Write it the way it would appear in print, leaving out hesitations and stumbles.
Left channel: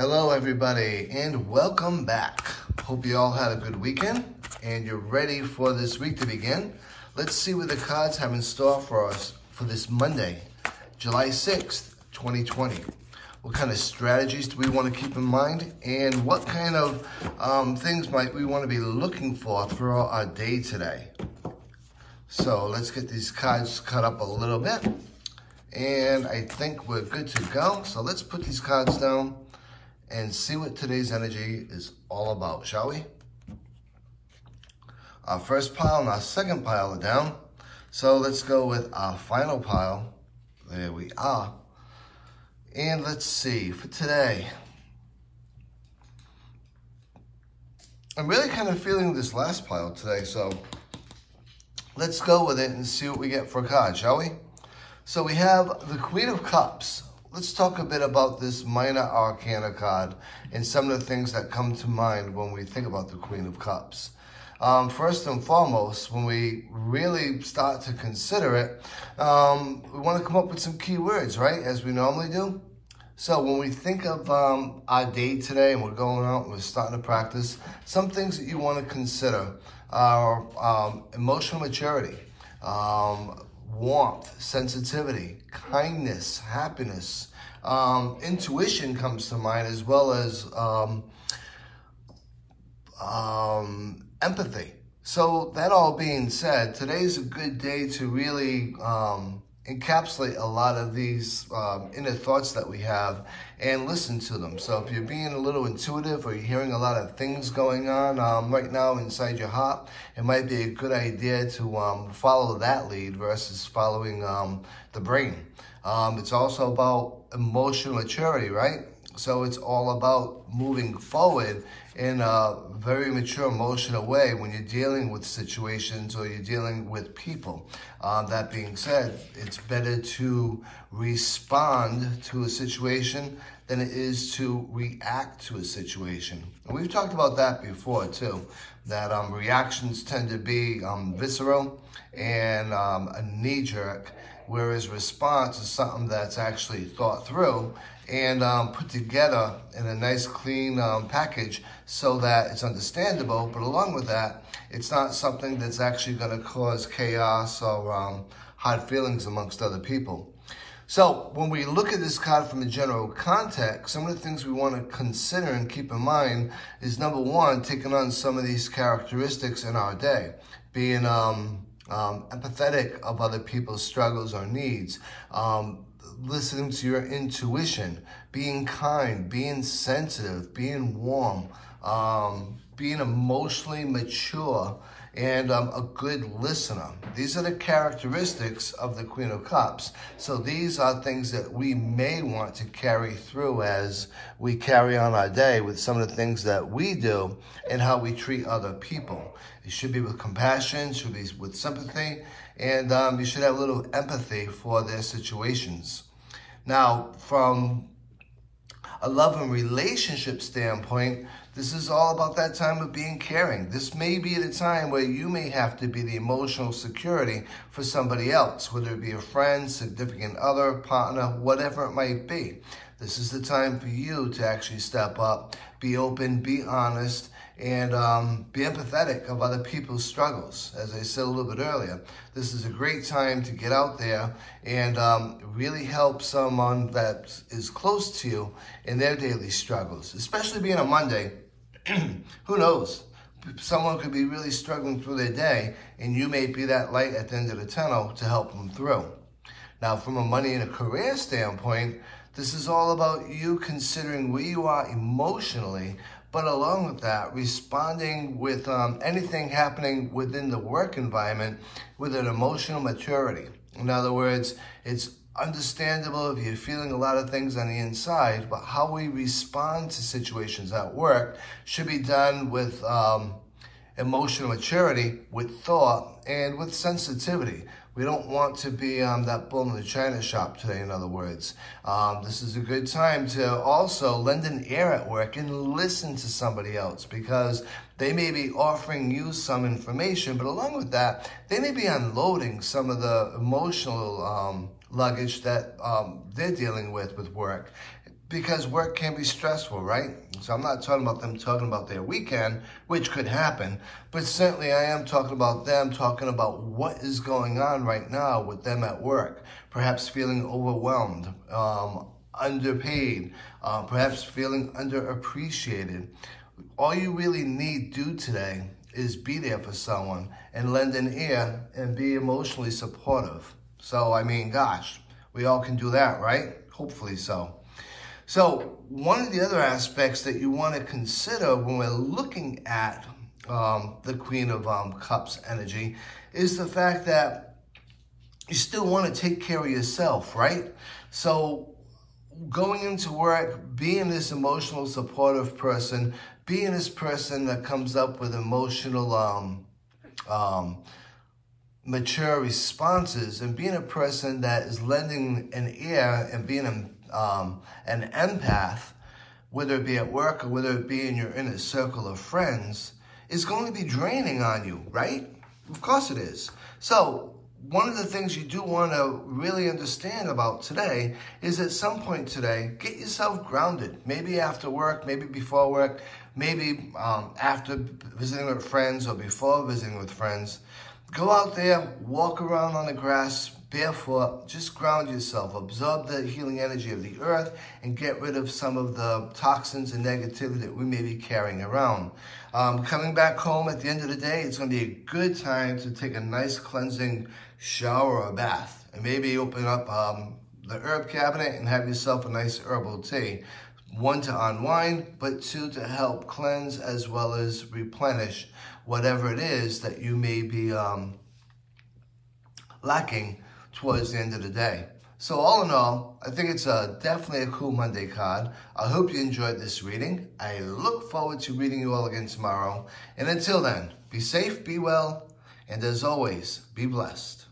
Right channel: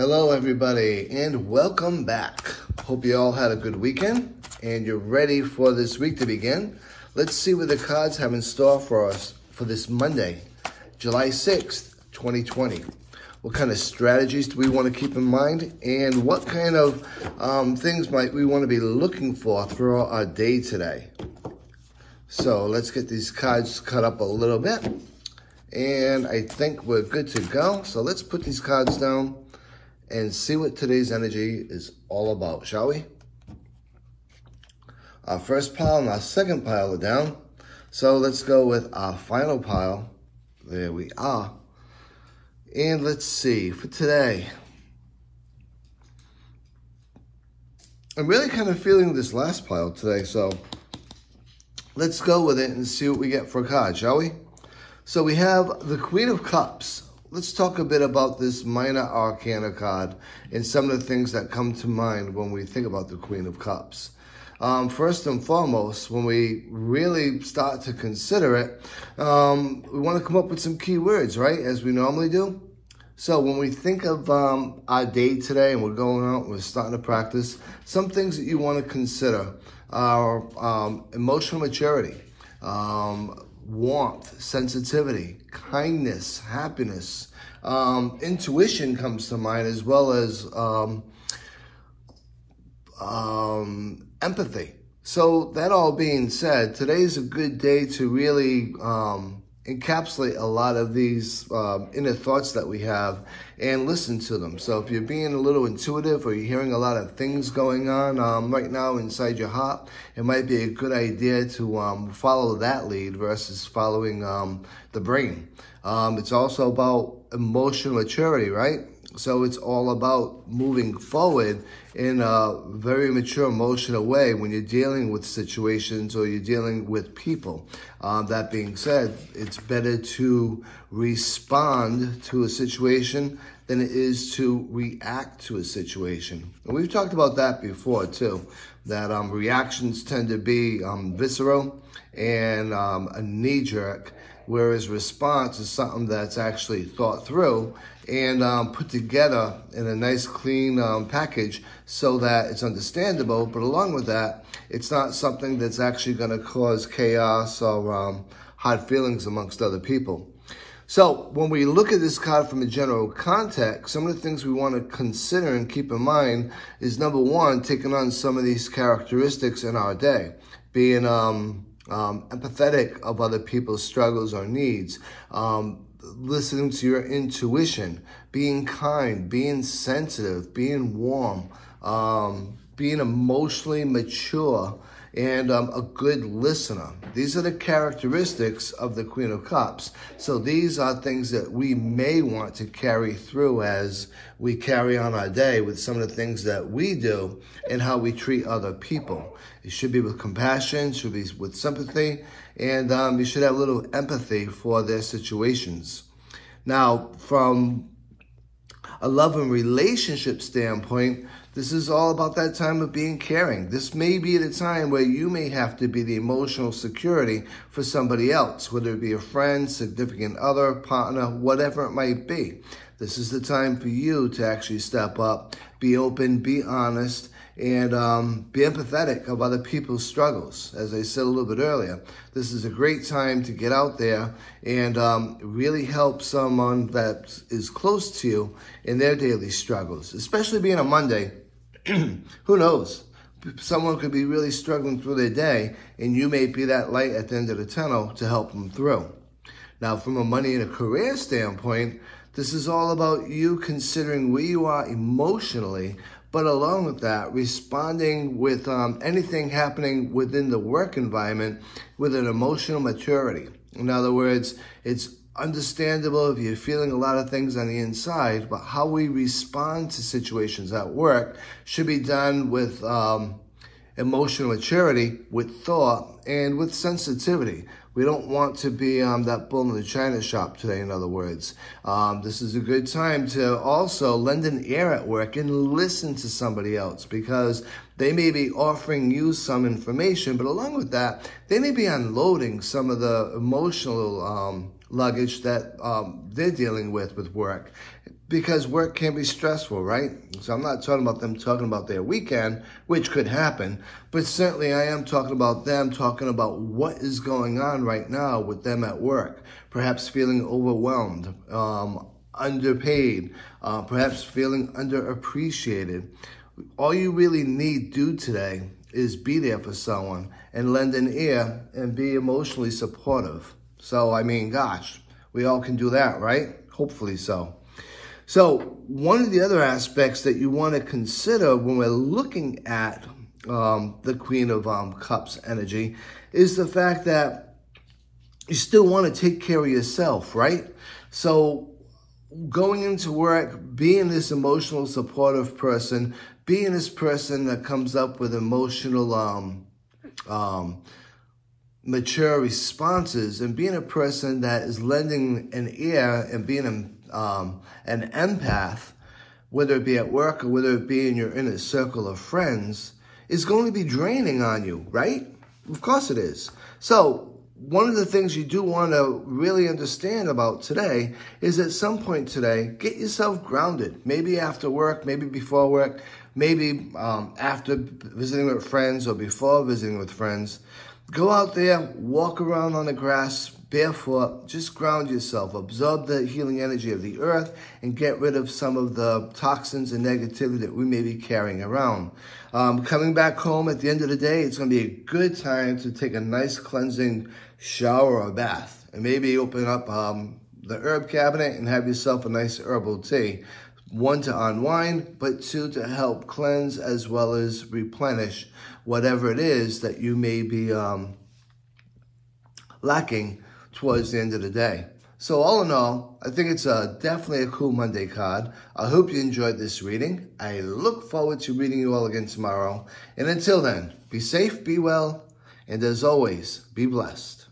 Hello everybody and welcome back. Hope you all had a good weekend and you're ready for this week to begin. Let's see what the cards have in store for us for this Monday, July 6th, 2020. What kind of strategies do we want to keep in mind and what kind of things might we want to be looking for throughout our day today? So let's get these cards cut up a little bit and I think we're good to go. So let's put these cards down and see what today's energy is all about, shall we? Our first pile and our second pile are down. So let's go with our final pile. There we are. And let's see, for today, I'm really kind of feeling this last pile today, so let's go with it and see what we get for a card, shall we? So we have the Queen of Cups. Let's talk a bit about this minor arcana card and some of the things that come to mind when we think about the Queen of Cups. First and foremost, when we really start to consider it, we want to come up with some key words, right? As we normally do. So when we think of our day today and we're going out, we're starting to practice, some things that you want to consider are emotional maturity, warmth, sensitivity, kindness, happiness. Intuition comes to mind, as well as empathy. So that all being said, today's a good day to really encapsulate a lot of these inner thoughts that we have and listen to them. So if you're being a little intuitive or you're hearing a lot of things going on right now inside your heart, it might be a good idea to follow that lead versus following the brain. It's also about emotional maturity, right? So it's all about moving forward in a very mature emotional way when you're dealing with situations or you're dealing with people. That being said, it's better to respond to a situation than it is to react to a situation. And we've talked about that before too, that reactions tend to be visceral and a knee-jerk, whereas response is something that's actually thought through and put together in a nice clean package so that it's understandable, but along with that, it's not something that's actually going to cause chaos or hard feelings amongst other people. So when we look at this card from a general context, some of the things we want to consider and keep in mind is, number one, taking on some of these characteristics in our day, being empathetic of other people's struggles or needs, listening to your intuition, being kind, being sensitive, being warm, being emotionally mature, and a good listener. These are the characteristics of the Queen of Cups. So these are things that we may want to carry through as we carry on our day with some of the things that we do and how we treat other people. It should be with compassion, should be with sympathy, and you should have a little empathy for their situations. Now, from a love and relationship standpoint, this is all about that time of being caring. This may be the time where you may have to be the emotional security for somebody else, whether it be a friend, significant other, partner, whatever it might be. This is the time for you to actually step up, be open, be honest, and be empathetic of other people's struggles. As I said a little bit earlier, this is a great time to get out there and really help someone that is close to you in their daily struggles, especially being a Monday. Who knows? Someone could be really struggling through their day, and you may be that light at the end of the tunnel to help them through. Now, from a money and a career standpoint, this is all about you considering where you are emotionally, but along with that, responding with anything happening within the work environment with an emotional maturity. In other words, it's understandable if you're feeling a lot of things on the inside, but how we respond to situations at work should be done with emotional maturity, with thought, and with sensitivity. We don't want to be that bull in the china shop today, in other words. This is a good time to also lend an ear at work and listen to somebody else, because they may be offering you some information, but along with that, they may be unloading some of the emotional luggage that they're dealing with work. because work can be stressful, right? So I'm not talking about them talking about their weekend, which could happen, but certainly I am talking about them talking about what is going on right now with them at work, perhaps feeling overwhelmed, underpaid, perhaps feeling underappreciated. All you really need to do today is be there for someone and lend an ear and be emotionally supportive. So, I mean, gosh, we all can do that, right? Hopefully so. So one of the other aspects that you want to consider when we're looking at the Queen of Cups energy is the fact that you still want to take care of yourself, right? So going into work, being this emotional supportive person, being this person that comes up with emotional mature responses, and being a person that is lending an ear and being an empath, whether it be at work or whether it be in your inner circle of friends, is going to be draining on you, right? Of course it is. So one of the things you do want to really understand about today is at some point today, get yourself grounded. Maybe after work, maybe before work, maybe after visiting with friends or before visiting with friends. Go out there, walk around on the grass, barefoot, just ground yourself, absorb the healing energy of the earth, and get rid of some of the toxins and negativity that we may be carrying around. Coming back home at the end of the day, it's going to be a good time to take a nice cleansing shower or bath, and maybe open up the herb cabinet and have yourself a nice herbal tea. 1, to unwind, but 2, to help cleanse as well as replenish whatever it is that you may be lacking towards the end of the day. So all in all, I think it's definitely a cool Monday card. I hope you enjoyed this reading. I look forward to reading you all again tomorrow. And until then, be safe, be well, and as always, be blessed.